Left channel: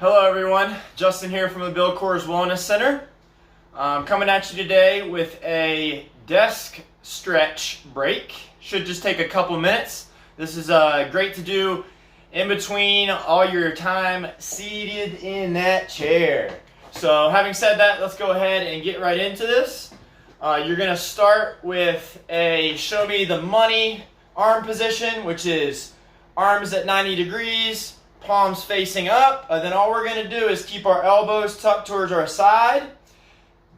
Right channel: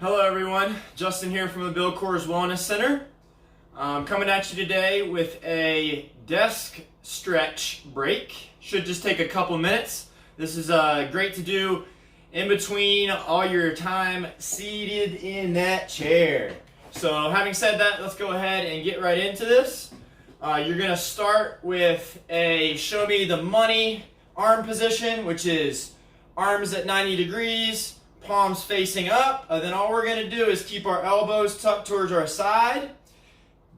Hello everyone, Justin here from the Bill Coors Wellness Center. I'm coming at you today with a desk stretch break. Should just take a couple minutes. This is great to do in between all your time seated in that chair. So having said that, let's go ahead and get right into this. You're going to start with a show me the money arm position, which is arms at 90 degrees. Palms facing up, and then all we're going to do is keep our elbows tucked towards our side,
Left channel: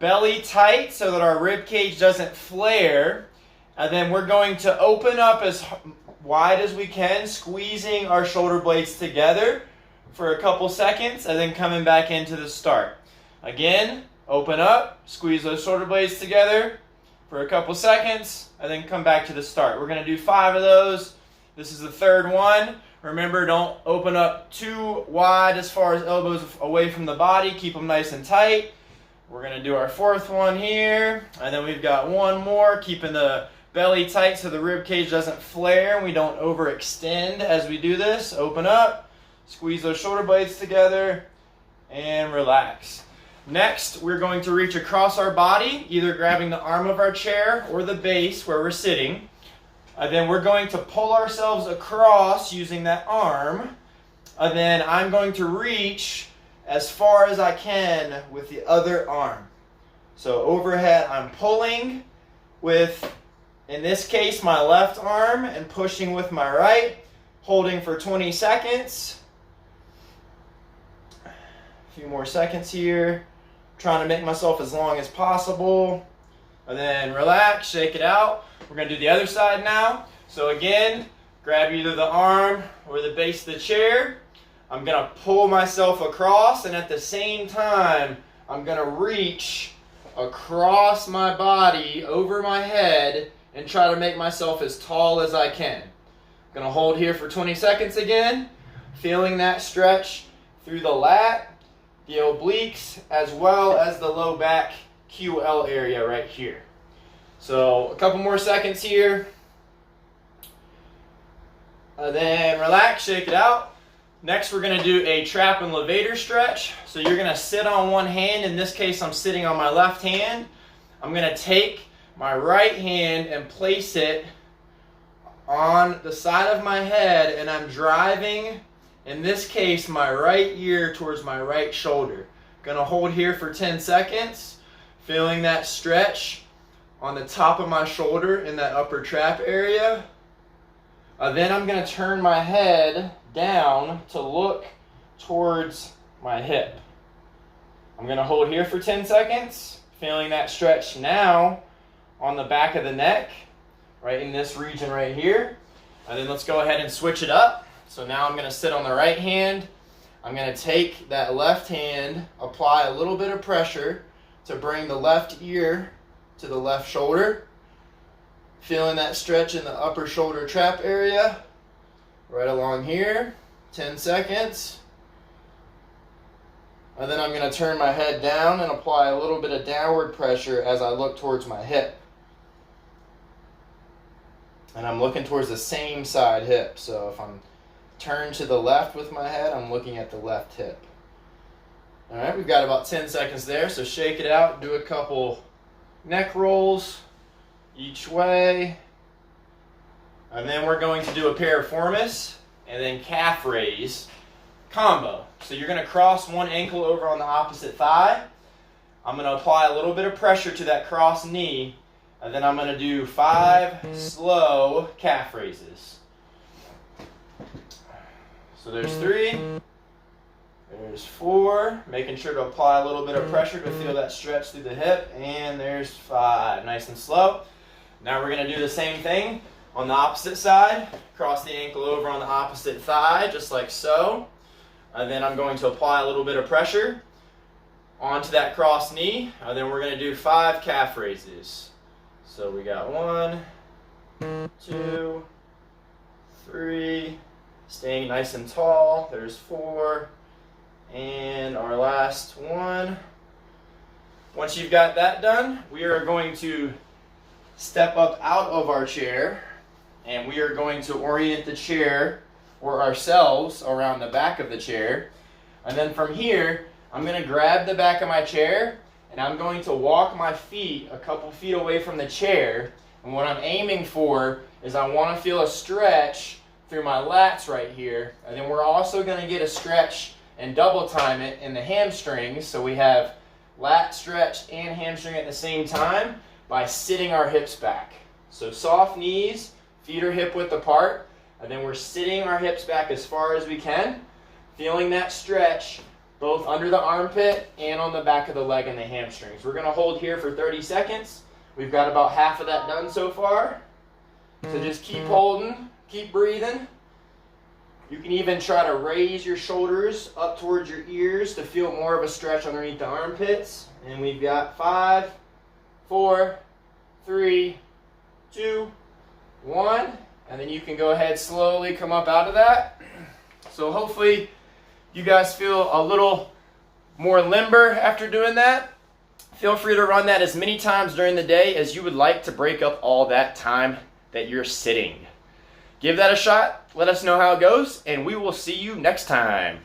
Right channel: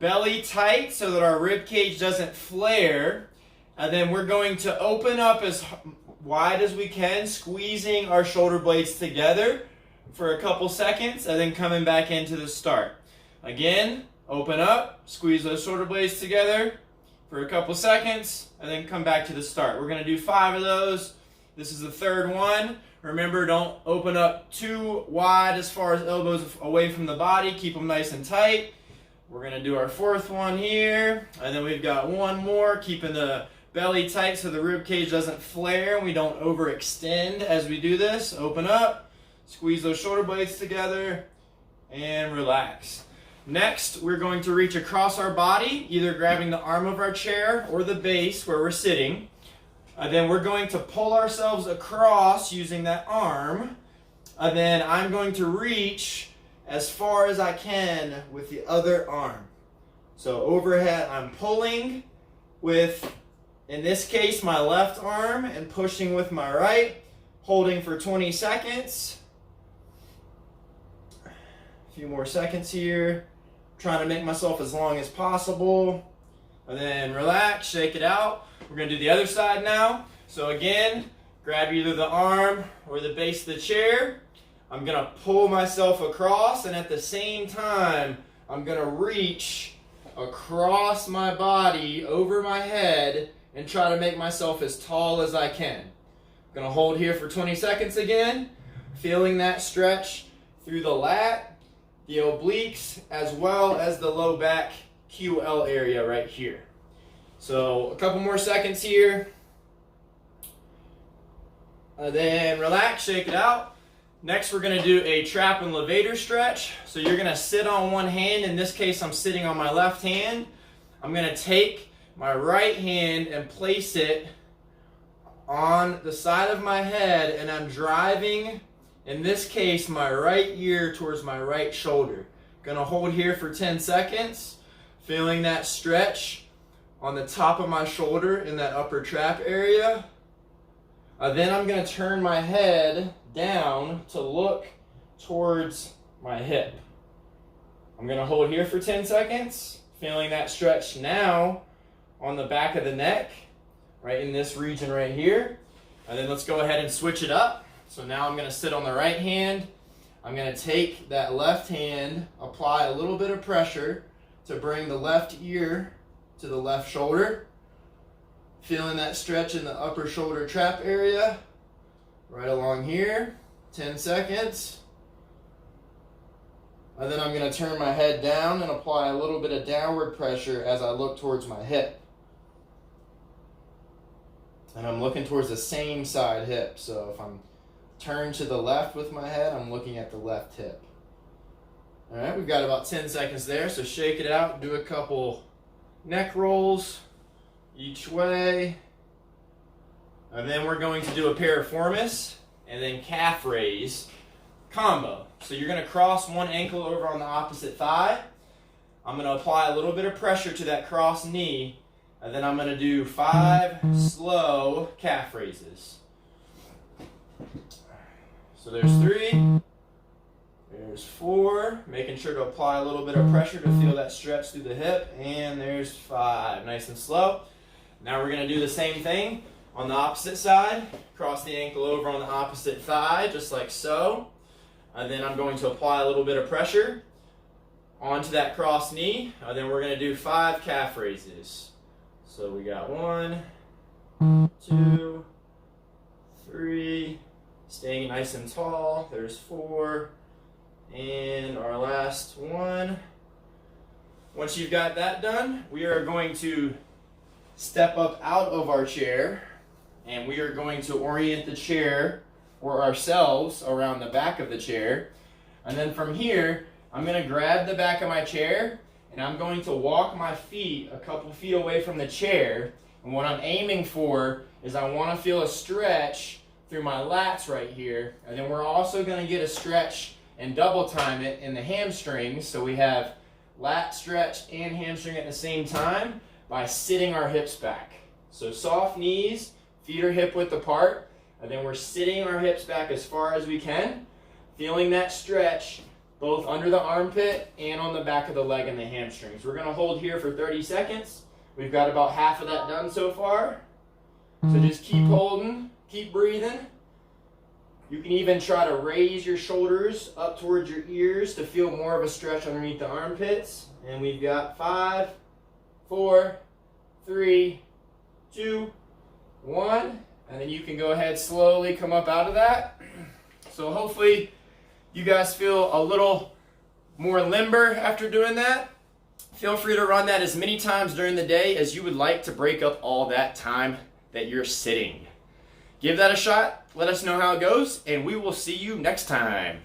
belly tight so that our rib cage doesn't flare, and then we're going to open up as wide as we can, squeezing our shoulder blades together for a couple seconds, and then coming back into the start. Again, open up, squeeze those shoulder blades together for a couple seconds, and then come back to the start. We're going to do 5 of those. This is the third one. Remember, don't open up too wide as far as elbows away from the body. Keep them nice and tight. We're going to do our fourth one here. And then we've got one more, keeping the belly tight so the rib cage doesn't flare and we don't overextend as we do this. Open up, squeeze those shoulder blades together, and relax. Next, we're going to reach across our body, either grabbing the arm of our chair or the base where we're sitting. Then we're going to pull ourselves across using that arm. Then I'm going to reach as far as I can with the other arm. So overhead, I'm pulling with, in this case, my left arm and pushing with my right, holding for 20 seconds. A few more seconds here. Trying to make myself as long as possible. And then relax, shake it out. We're going to do the other side now. So again, grab either the arm or the base of the chair. I'm going to pull myself across, and at the same time, I'm going to reach across my body, over my head, and try to make myself as tall as I can. I'm going to hold here for 20 seconds again, feeling that stretch through the lat, the obliques, as well as the low back QL area right here. So a couple more seconds here. Then relax, shake it out. Next, we're going to do a Trap and Levator Stretch. So you're going to sit on one hand. In this case, I'm sitting on my left hand. I'm going to take my right hand and place it on the side of my head, and I'm driving, in this case, my right ear towards my right shoulder. Going to hold here for 10 seconds, feeling that stretch on the top of my shoulder in that upper trap area. Then I'm going to turn my head down to look towards my hip. I'm going to hold here for 10 seconds, feeling that stretch now on the back of the neck, right in this region right here. And then let's go ahead and switch it up. So now I'm going to sit on the right hand. I'm going to take that left hand, apply a little bit of pressure to bring the left ear to the left shoulder. Feeling that stretch in the upper shoulder trap area, right along here, 10 seconds. And then I'm going to turn my head down and apply a little bit of downward pressure as I look towards my hip. And I'm looking towards the same side hip. So if I'm turned to the left with my head, I'm looking at the left hip. All right, we've got about 10 seconds there, so shake it out, do a couple neck rolls each way. And then we're going to do a piriformis and then calf raise combo. So you're going to cross one ankle over on the opposite thigh. I'm going to apply a little bit of pressure to that cross knee, and then I'm going to do 5 slow calf raises. So there's 3. There's 4, making sure to apply a little bit of pressure to feel that stretch through the hip, and there's 5, nice and slow. Now we're going to do the same thing on the opposite side, cross the ankle over on the opposite thigh, just like so. And then I'm going to apply a little bit of pressure onto that cross knee, and then we're going to do 5 calf raises. So we got 1, 2, 3, staying nice and tall, there's 4, and our last one. Once you've got that done, we are going to step up out of our chair, and we are going to orient the chair or ourselves around the back of the chair. And then from here, I'm gonna grab the back of my chair and I'm going to walk my feet a couple feet away from the chair. And what I'm aiming for is I wanna feel a stretch through my lats right here. And then we're also gonna get a stretch and double time it in the hamstrings. So we have lat stretch and hamstring at the same time by sitting our hips back. So soft knees, feet are hip width apart, and then we're sitting our hips back as far as we can, feeling that stretch both under the armpit and on the back of the leg and the hamstrings. We're gonna hold here for 30 seconds. We've got about half of that done so far. So just keep holding, keep breathing. You can even try to raise your shoulders up towards your ears to feel more of a stretch underneath the armpits. And we've got 5, 4, 3, 2, 1. And then you can go ahead slowly come up out of that. So hopefully you guys feel a little more limber after doing that. Feel free to run that as many times during the day as you would like to break up all that time that you're sitting. Give that a shot, let us know how it goes, and we will see you next time.